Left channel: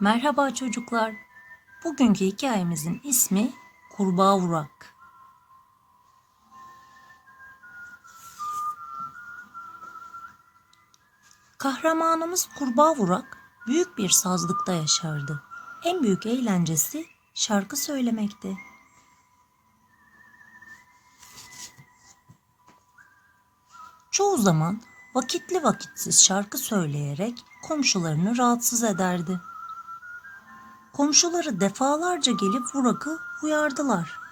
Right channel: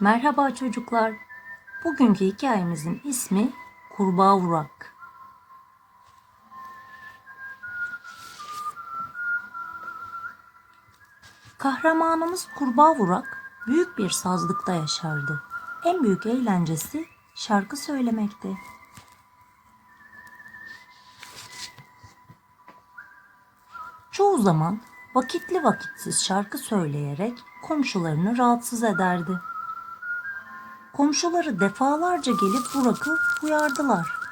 Merhaba çocuklar. Bugünkü hikayemizin ismi Kurbağa Vurak. Kahramanımız Kurbağa Vurak büyük bir sazlıkta yaşardı. En büyük eğlencesi şarkı söylemekti. Çoğu zaman vakitli vakitsiz şarkı söyleyerek komşularını rahatsız ederdi. Komşuları defalarca gelip Burak'ı uyardılar.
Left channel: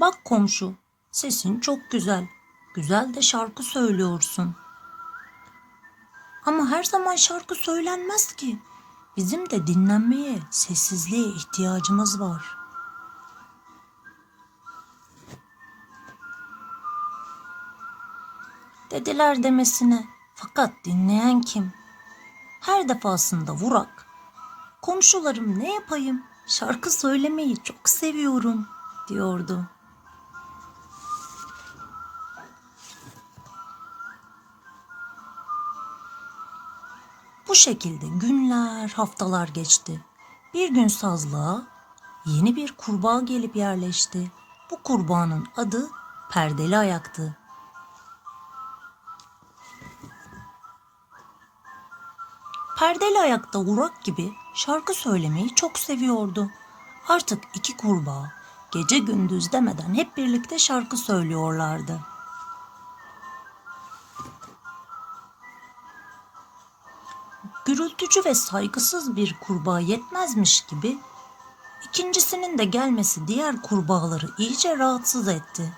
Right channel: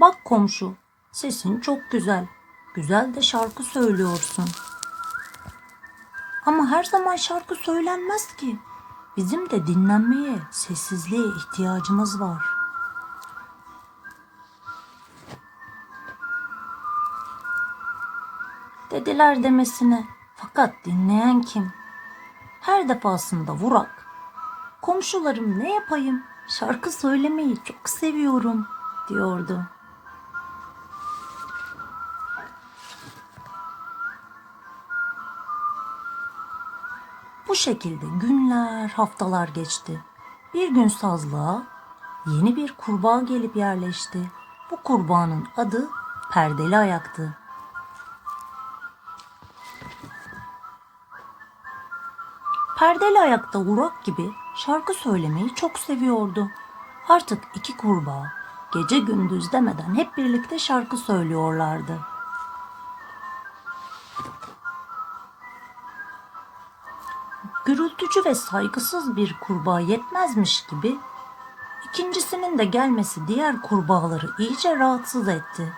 Bak komşu, sesin çok güzel. Güzel de şarkı söylüyorsun. Ama her zaman şarkı söylenmez ki. Bizim de dinlenmeye, sessizliğe ihtiyacımız var. Dediler demesine. Fakat dinleyen kim? Her defasında vurak. Komşularım ne yapayım? Şarkı söylemeyi çok seviyorum diyordu. Bu şekilde günler, haftalar geçti. Bir gün sazlığa yeni bir kurbağa gelip yerleşti. Bu kurbağanın adı Perdeli Ayak'tı. Perdeli Ayak'ta Urak gibi şarkı söylemeyi çok seviyordu. Artık iki kurbağa gece gündüz demeden hep birlikte şarkı söylüyorlardı. gürültücü ve saygısız bir kurbağa yetmezmiş gibi ikincisinin de gelmesi diğer kurbağaları iyice rahatsız etti.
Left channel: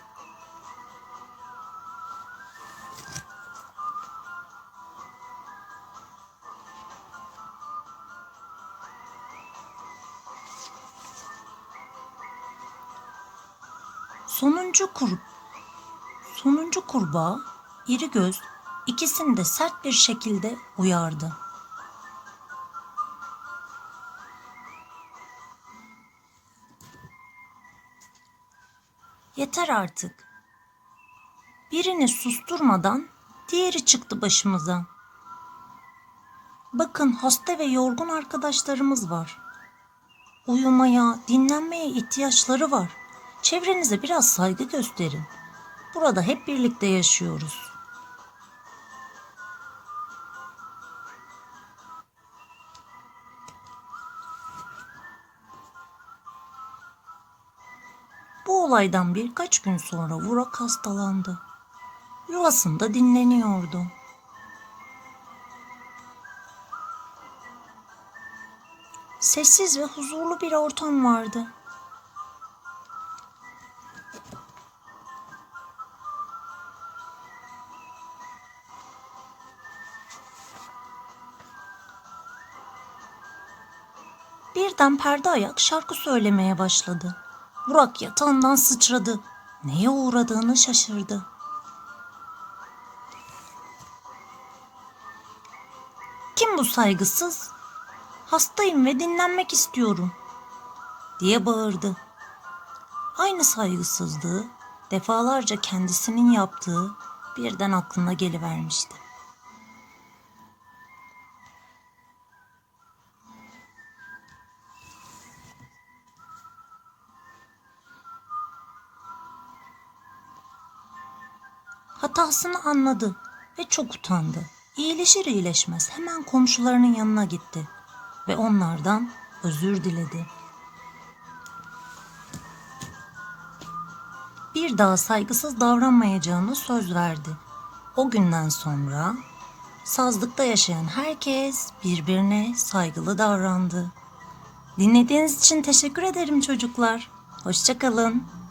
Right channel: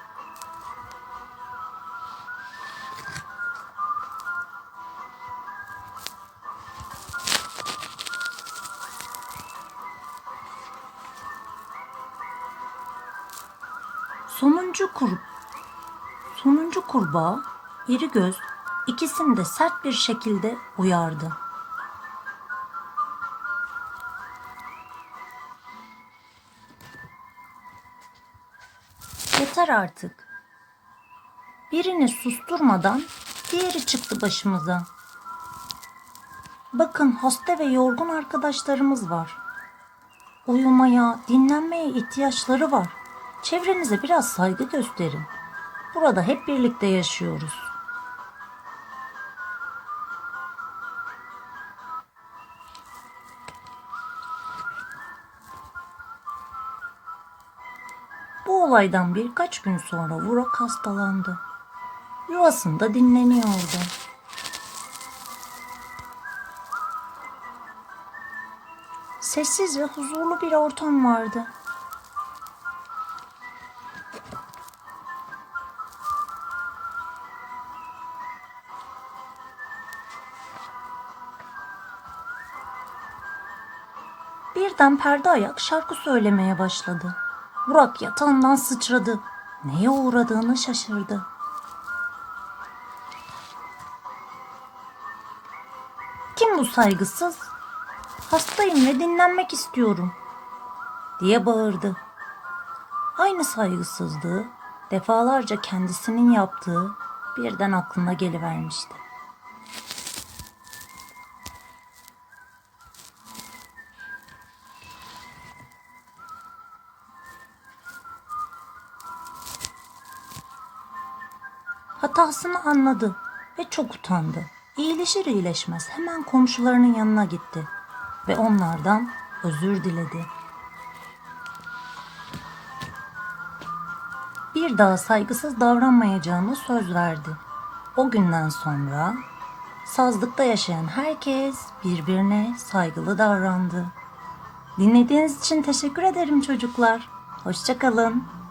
Sonuncu kur Sonuncu kurbağa iri göz ikisini de sert bir şekilde uyardı. Yeter artık. Birini susturmadan diğeri çıktı başımıza. Bakın hasta ve yorgun arkadaşlarımız var. Uyumaya, dinlenmeye ihtiyaçları var. Çevrenize biraz saygı gösterin. Burada hep birlikte yaşıyoruz. Bu olaydan birkaç gün sonra Vurak hastalandı. Yuvasında dinleniyordu. Sessiz ve huzurlu bir ortam vardı. Birden perde ayak şarkı söylemeye başladı. Burak yatağından sıçradı. Neye uğradığını şaşırdı. Kim bu saygısız? Hastayım ve dinlenmek istiyorum diye bağırdı. Aynı saygısızlığı defalarca kendisinin yaptığı birden aklına gelivermişti. Hatasını anladı ve çok utandı. İyileşir iyileşmez hemen komşularının yanına gitti ve onlardan özür diledi. Bir daha saygısız davranmayacağını söz verdi. O günden sonra sazlıkta yaşayan herkes birbirine saygılı davrandı. Dinlediğiniz için teşekkür ederim çocuklar. Hoşçakalın.